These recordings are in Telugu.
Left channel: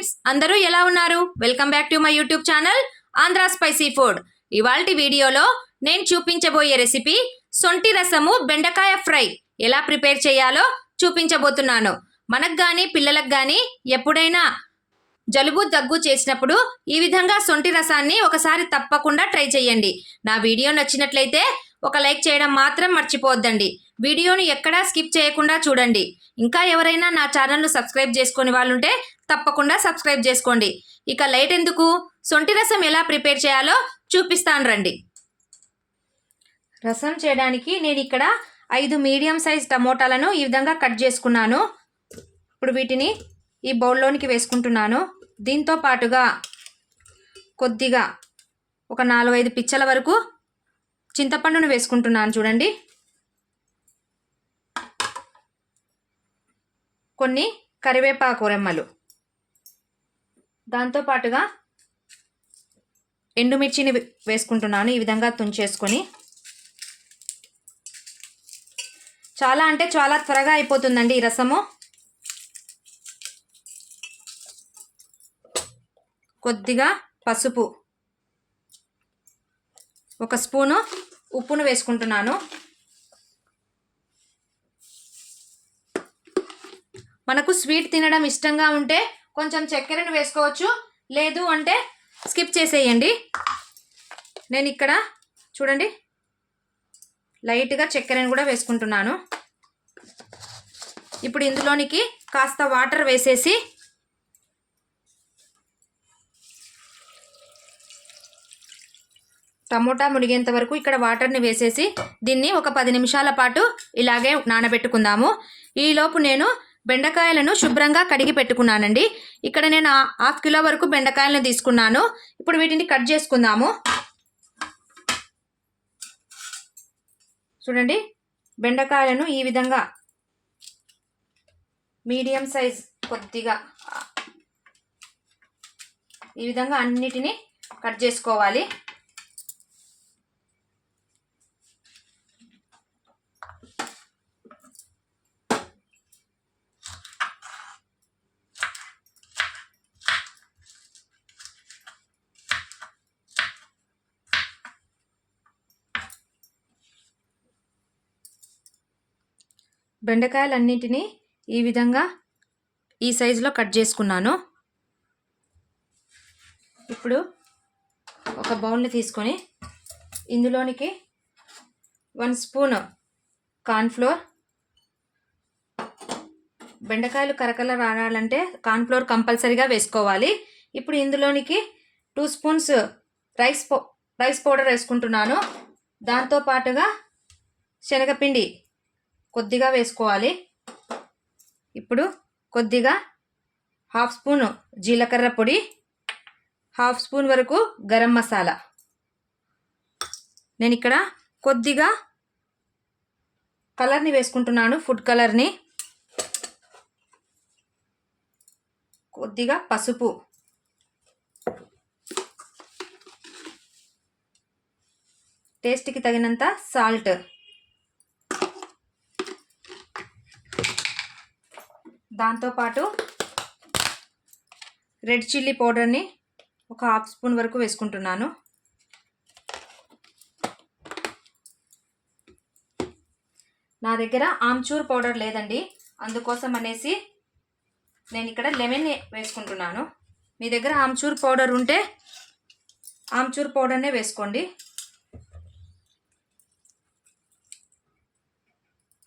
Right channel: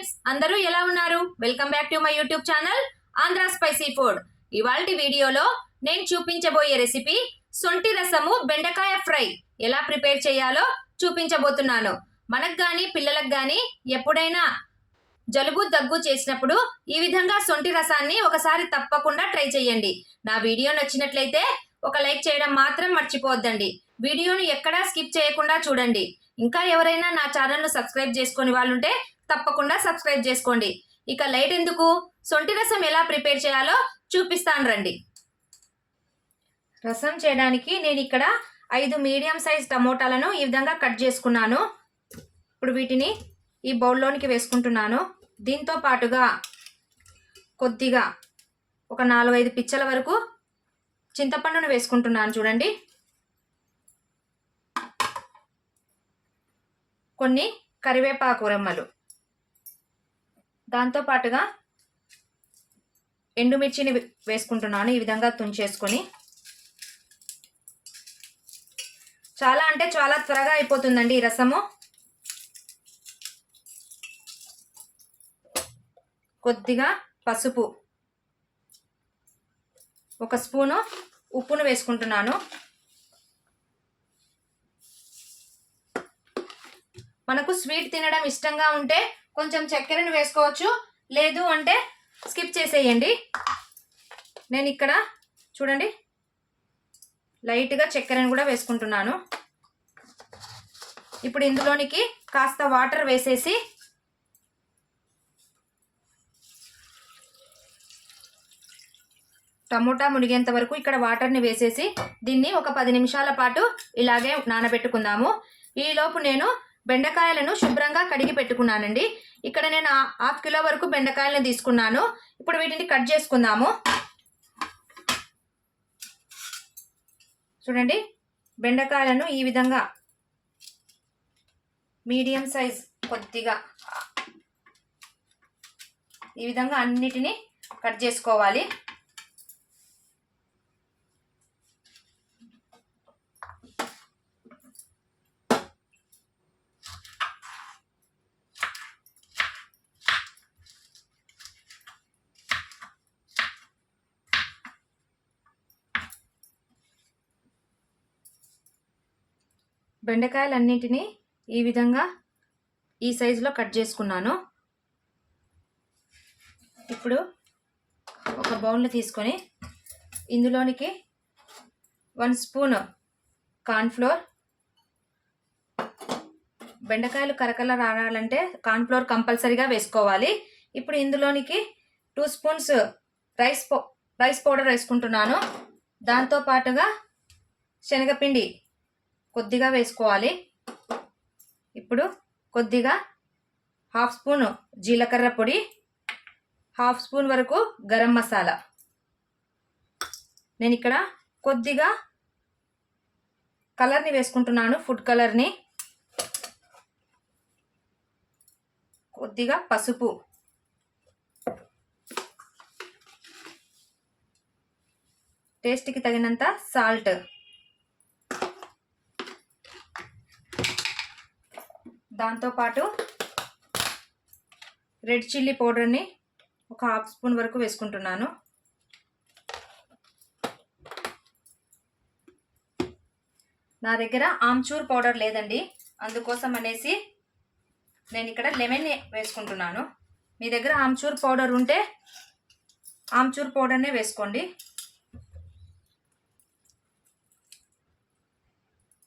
ఫ్రెండ్స్, అందరూ ఎలా ఉన్నారు? Welcome back to my YouTube channel Andhra spicy food. ఇవాల్టి వీడియోలో నేను చూపించబోయే రెసిపీ సొంటి రసము బెండకాయ ఫ్రై ఎలా ప్రిపేర్ చేయాలో చూపించబోతున్నాను. మనకు కానీ పిల్లలకు కానీ ఎప్పుడైనా జలుబు దగ్గు చేసినప్పుడు ఈ విధంగా సొంటి రసాన్ని ఒకసారి తప్పకుండా ట్రై చేయండి. నా వీడియో నచ్చినట్లయితే ఒక లైక్ చేయడం మాత్రం మర్చిపోవద్దండి. వీడియోని ఎక్కడా స్కిప్ చేయకుండా చూడండి. ఇంకా ఎవరైనా నా ఛానల్ను సబ్స్క్రైబ్ చేసుకొని వాళ్ళుంటే తప్పకుండా సబ్స్క్రైబ్ చేసుకోండి. ఇక లేట్ ఎందుకు, సొంటి రసం ఎలా ప్రిపేర్ చేయాలో చూపిస్తాను రండి. రసం చేయడానికి నేను ఇక్కడ 5 మీడియం సైజ్ టమోటాలను ఈ విధంగా కట్ చేసుకున్నాను. ఇప్పుడు వీటిని ఈ బౌల్లోనికి వేసుకుంటున్నాను. దీంతో పాటుగా కొద్దిగా ఒక 4-5 పిచ్చల వరకు చింతపండును వేసుకుంటున్నాను. చూడండి, కొన్ని కరివేపాకు రెమ్మలు, దాంతో పాటుగా ఎండుమిర్చిని వేసుకుంటున్నాను. ఈ విధంగా తుంచేసుకొని, చాలా అంటే చాలా త్వరగా అయిపోతుందండి ఈ రసము. కొద్దిగా పసుపు, 1 స్పూను ఉప్పును వేసుకుంటున్నాను. మనకు స్వీట్ తినడం ఇష్టంగా ఉంటే కొంచెం చక్కెరను వేసుకోవచ్చు, లేదు అంటే స్కిప్ చేసేయండి. నేను ఇక్కడ చూడండి లైట్గా చక్కెరను కూడా వేసుకుంటున్నాను. ఇప్పుడు ఇందులోనికి కాస్త వాటర్ వేసేసి టమోటా మునిగేంత వరకు ఇక్కడ వాటర్ని వేసేసి దీన్ని ఒక 10 నిమిషాల పాటు ఇలాగే నానబెట్టుకుందాము. ఈలోపు నేను బెండకాయలను శుభ్రంగా కడిగి పెట్టుకున్నానండి. ఇక్కడ నేను 1/2 కిలో వరకు బెండకాయలను తీసుకున్నాను. ఇప్పుడు వీటిని కట్ చేసుకుందాము. చూడండి, బెండకాయలను ఈ విధంగా మీడియం సైజ్ కొద్దిగా ఈ విధంగా అన్నిటినీ కట్ చేసుకోవాలి. బెండకాయలన్నింటినీ ఈ విధంగా ఈ సైజులో కట్ చేసుకున్నాను. ఇప్పుడు ఒక బౌల్ని తీసుకొని ఇందులోనికి 1 స్పూన్ కార్న్ఫ్లోర్, బెండకాయలు కరకల రావాలంటే కార్న్ఫ్లోర్ కంపల్సరీగా వేసుకోవాలి. ఇప్పుడు ఇందులోనికి 2 స్పూన్స్ రైస్ పౌడర్ వేసుకుంటున్నాను. దాంతో పాటుగా శనగపిండి కొద్దిగా వేసుకోవాలి. ఇప్పుడు కొద్దిగా 1/2 స్పూన్ జీలకర్ర పొడి, 1/2 స్పూన్ వరకు గరం మసాలా. నేను ఇక్కడ కొద్దిగా కలర్ని వేసుకుంటున్నాను, ఫుడ్ కలర్ని, కొద్దిగా పసుపు, టేస్ట్కి తగినంత సాల్ట్, దాంతోపాటు రెడ్ చిల్లీ పౌడర్ని ఒక 1/2 స్పూన్ వరకు వేసుకుంటున్నాను. నా దగ్గర ఆమ్చూర్ పౌడర్ లేదండి, అందుకోసం అనేసి నేను ఇక్కడ లెమన్ వేసుకుంటున్నాను. మీ దగ్గర ఆమ్చూర్ పౌడర్ ఉంటే ఆమ్చూర్ పౌడర్నే వేసుకోండి.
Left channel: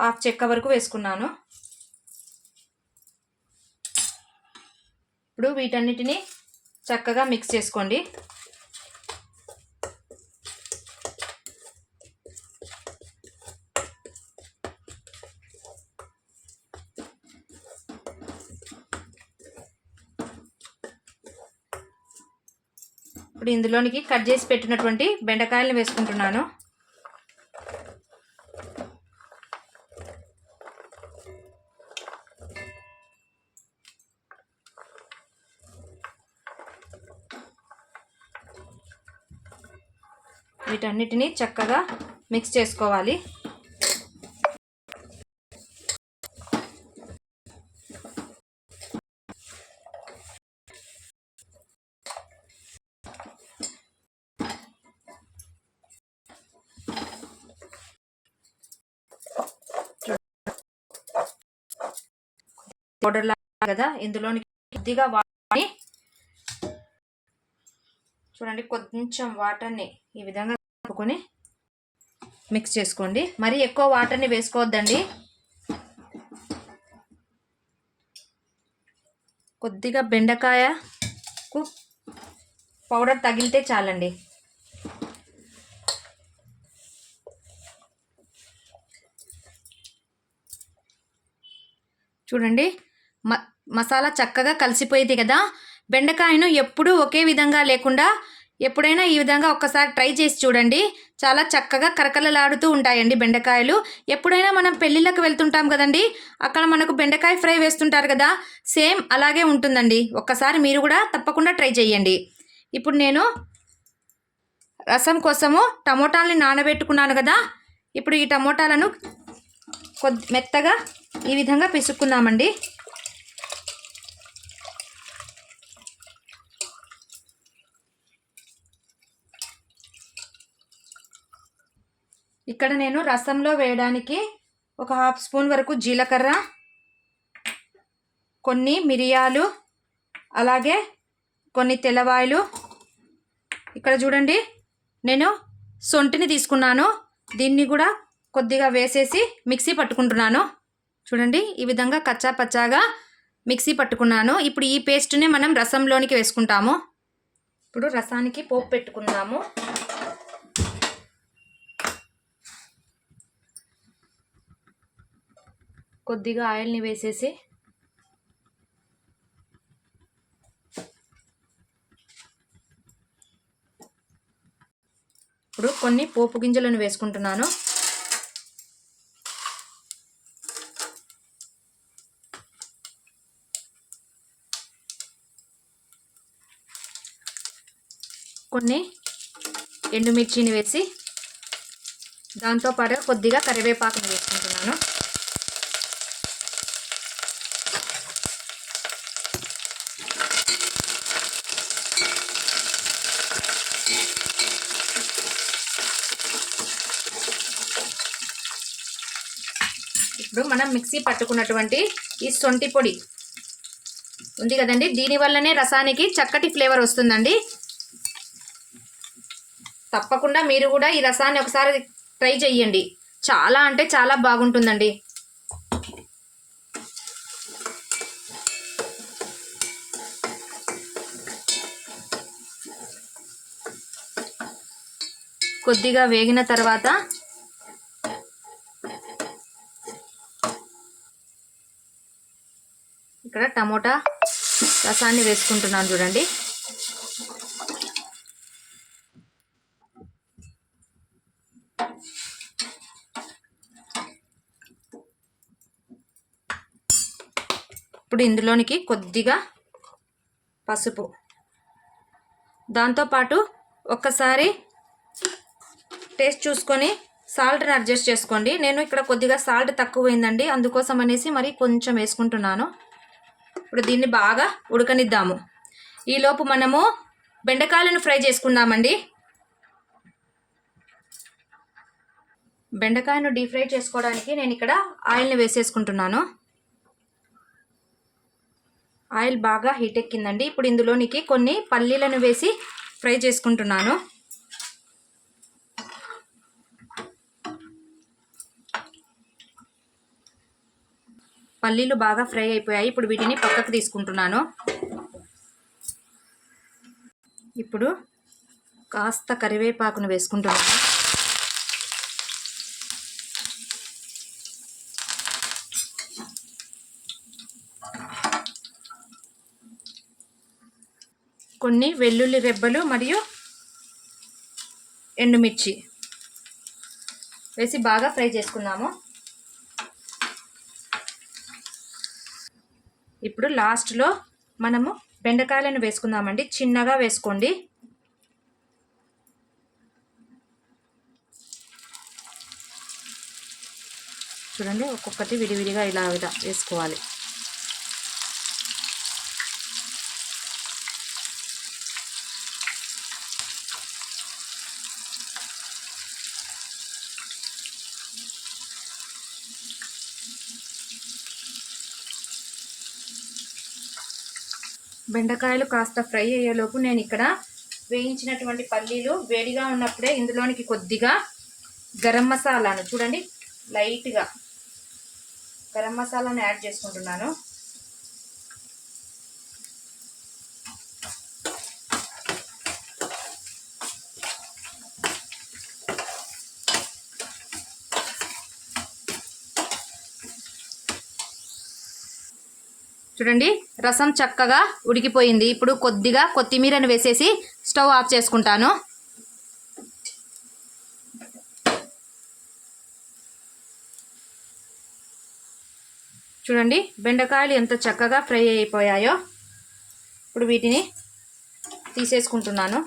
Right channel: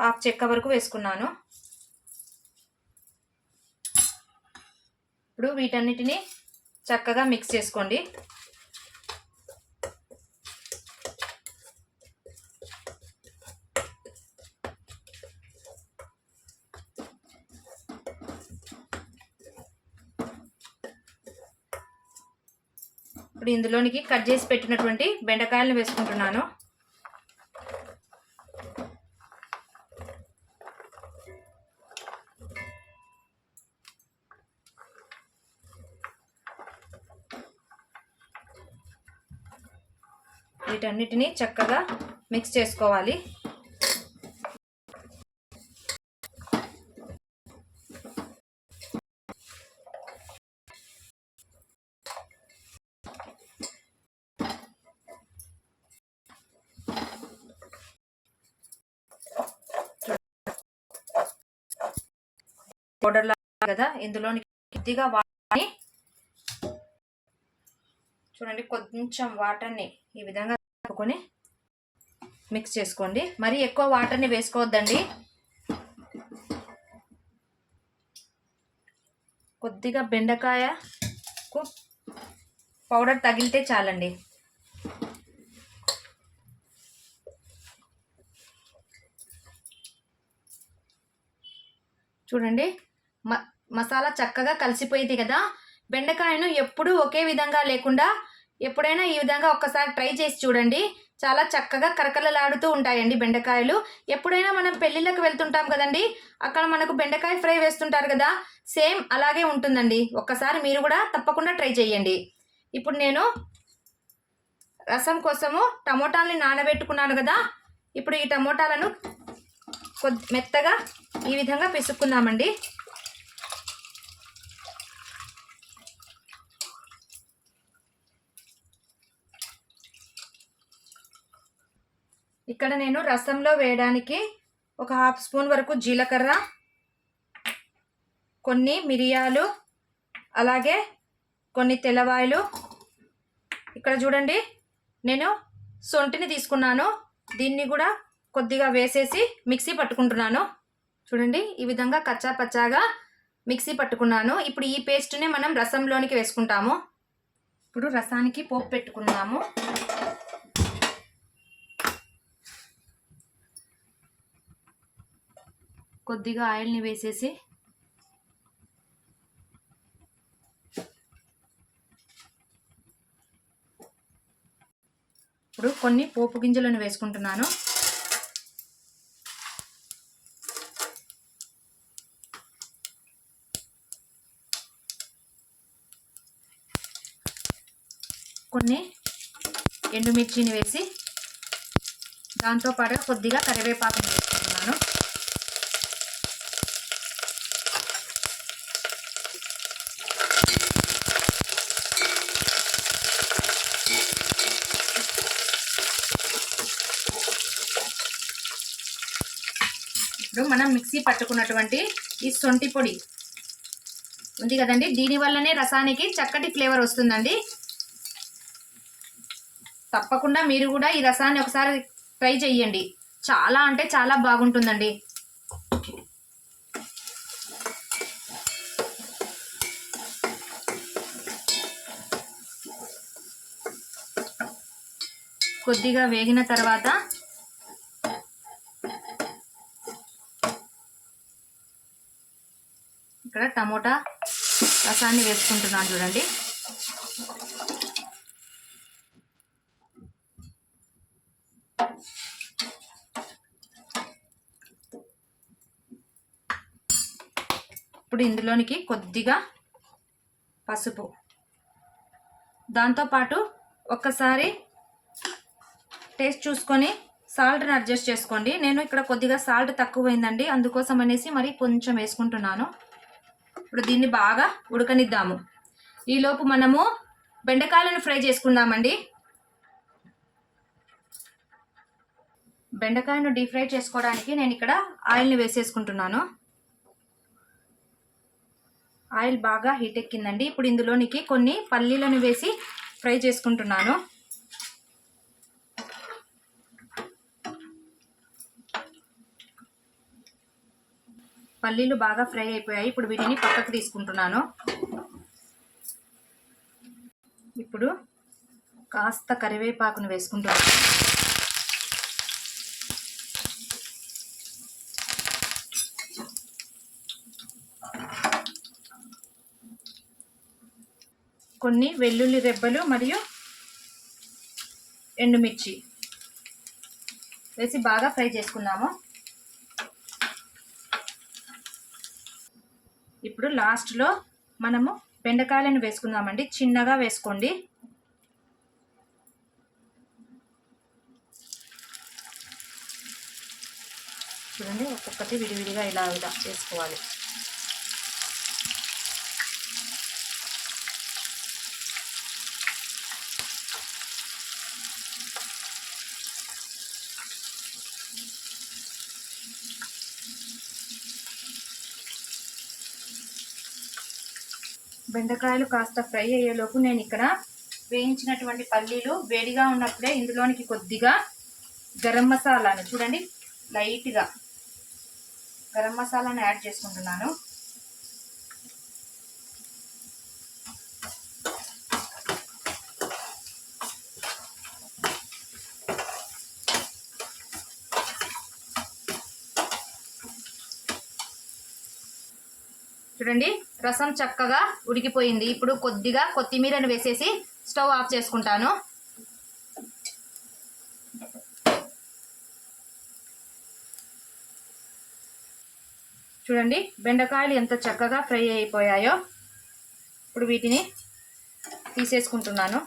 1/2 చెక్క వరకు వేసుకున్నాను. ఇప్పుడు వీటన్నిటిని చక్కగా మిక్స్ చేసుకోండి. ఇప్పుడు ఇందులోనికి కట్ చేసి పెట్టినటువంటి బెండకాయలను వేసుకుంటున్నాను. వీటన్నిటిని చక్కగా మిక్స్ చేసుకోవాలి. పౌడర్ లాగా కదా, ఇందులోని కొద్దిగా వాటర్ని చూడండి, కొంచెం వాటర్ని ఈ విధంగా కలుపుకొని మిక్స్ చేసుకోండి. మరి ఎక్కువ వాటర్ని వేసుకోవద్దండి, కొద్దిగా బెండకాయకు పౌడర్ తగిలితే చాలండి. చూడండి, మసాలా చక్కగా కలిసిపోయింది కదా. బెండకాయను ఎప్పుడూ ఒకే విధంగా లేకుండా ఎప్పుడైనా ఈ విధంగా ఒక్కసారి ట్రై చేసి చూడండి. చాలా చక్కగా కరకరలాడుతూ ఉంటాయండి బెండకాయలు. ఎప్పుడైనా మనం పెళ్ళిళ్ళకి వెళ్తుంటాం కదండి, అక్కడ మనకు బెండకాయ ఫ్రై వేస్తుంటారు కదా, సేమ్ అలాగే ఉంటుందండి. ఒక్కసారి మీరు కూడా తప్పకుండా ట్రై చేయండి. ఇప్పుడు నేను రసం కోసము టమోటాలని నానబెట్టుకున్నాను కదా, ఇప్పుడు ఈ టమోటాలను మెత్తగా ఈ విధంగా పిసుక్కుందామండి. ఇక్కడ నేను రసంలో వేయడానికి ఒక 1/2 స్పూన్ వరకు జీలకర్ర, కొన్ని మిరియాలు, అలాగే కొన్ని తెల్లవాయలు, ఇక్కడ చూడండి నేను సొంటిని తీసుకున్నాను, దీన్ని కూడా కొద్దిగా వేసేసి మిక్సీ పట్టుకుంటున్నాను. చూడండి, ఈ విధంగా కచ్చా పచ్చాగా మిక్సీ పట్టుకున్నాను. ఇప్పుడు ఈ పేస్ట్ని మనం రసంలోనికి వేసుకుంటాము. ఇప్పుడు రసానికి పోపు పెట్టుకుందాము. కొద్దిగా ఆయిల్ని వేసేసి ఇప్పుడు కొన్ని పోపు గింజలను వేసుకుంటున్నాను. కొన్ని ఎండుమిర్చిని వేసి దాంతోపాటు కొద్దిగా కరివేపాకుని వేసుకుంటున్నాను. ఇప్పుడు మనం మిక్సీ పట్టుకున్నటువంటి ఈ శొంఠి పొడి ఉంది కదండి, దీనివల్లనే రసానికి చక్కటి ఫ్లేవర్ వస్తుందండి. తప్పకుండా మీరు కూడా ఈ రసాన్ని ఒకసారి ట్రై చేయండి, చాలా అంటే చాలా బాగుంటుందండి. కొద్దిగా వేగిన తర్వాత ఇక్కడ టమోటా రసాన్ని వేసుకుంటున్నాను చూడండి. ఇప్పుడు ఇందులోనికి కొద్దిగా పసుపు, దాంతోపాటు ఒక్కసారి టేస్ట్ చూసుకొని సాల్ట్ని అడ్జస్ట్ చేసుకోండి. నేను ఇక్కడ కొద్దిగా సాల్ట్ తక్కువైందండి, అందుకోసం అనేసి మరి కొంచెం వేసుకుంటున్నాను. ఇప్పుడు దీన్ని బాగా ఉడకనిద్దాము. ఈలోపు మనము బెండకాయలను ఫ్రై చేసుకుందామండి. బెండకాయను డీప్ ఫ్రై చేసుకోవడానికి నేను ఇక్కడ ఆయిల్ని వేసేసుకుంటున్నాను. ఆయిల్ బాగా హీట్ ఎక్కిందండి. ఇప్పుడు ఇందులోనికి కొన్ని పల్లీలను వేసి ఫ్రై చేసుకుంటున్నాను. పల్లీలు బాగా ఫ్రై అయిపోయాయి. ఇప్పుడు వీటిని పక్కకు తీసుకుంటున్నాను. ఇప్పుడు కాస్త కరివేపాకును వేసుకుంటున్నాను. కొన్ని వెల్లుల్లి రెబ్బలు మరియు ఎండుమిర్చి వేసి బాగా ఫ్రై చేసుకుందాము. ఇప్పుడు లాస్ట్లో మనము బెండకాయలను వేసుకుందామండి. చిన్నగా వేసుకోండి. చూడండి, ఒక్కొక్కటి విడివిడిగా ఇలా వేసుకోవాలి. బెండకాయలు కాస్త ఫ్రై అయ్యేలోపు నేను ఇక్కడ వేయించినటువంటి పల్లీలు వేడిగా ఉన్నప్పుడే ఇందులోనికి కొద్దిగా గరం మసాలాను చూడండి లైట్గా గరం మసాలాను యాడ్ చేసుకుంటున్నాను. చూడండి రసం చక్కగా ఉడికిపోయింది. ఇప్పుడు కొద్దిగా కొత్తిమీరను వేసేసి స్టవ్ ఆఫ్ చేసుకుంటాను. చూడండి బెండకాయలు ఎంత చక్కగా ఫ్రై అయిపోయాయో. ఇప్పుడు వీటిని తీసేసుకుంటున్నాను.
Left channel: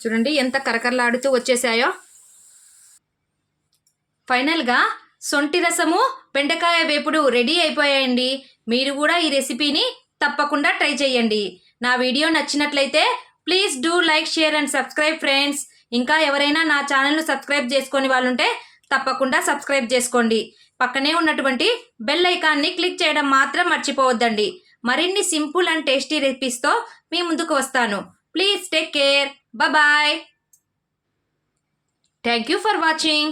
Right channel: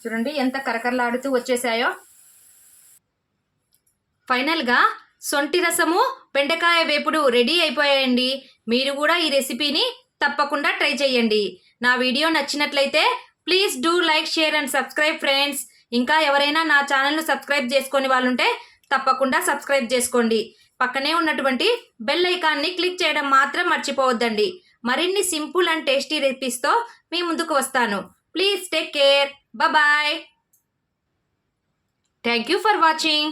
చూడండి ఎంత కరకరలాడుతూ వచ్చేసాయో. ఫైనల్గా సొంటి రసము బెండకాయ వేపుడు రెడీ అయిపోయాయండి. మీరు కూడా ఈ రెసిపీని తప్పకుండా ట్రై చేయండి. నా వీడియో నచ్చినట్లయితే please do like, share and subscribe friends. ఇంకా ఎవరైనా నా ఛానల్ను సబ్స్క్రైబ్ చేసుకొని వాళ్ళు ఉంటే తప్పకుండా సబ్స్క్రైబ్ చేసుకోండి. పక్కనే ఉన్నటువంటి బెల్ ఐకాన్ని క్లిక్ చేయడం మాత్రం మర్చిపోవద్దండి. మరిన్ని సింపుల్ అండ్ టేస్టీ రెసిపీస్తో మీ ముందుకు వస్తాను. Please take care. Bye-bye. Thank you for watching.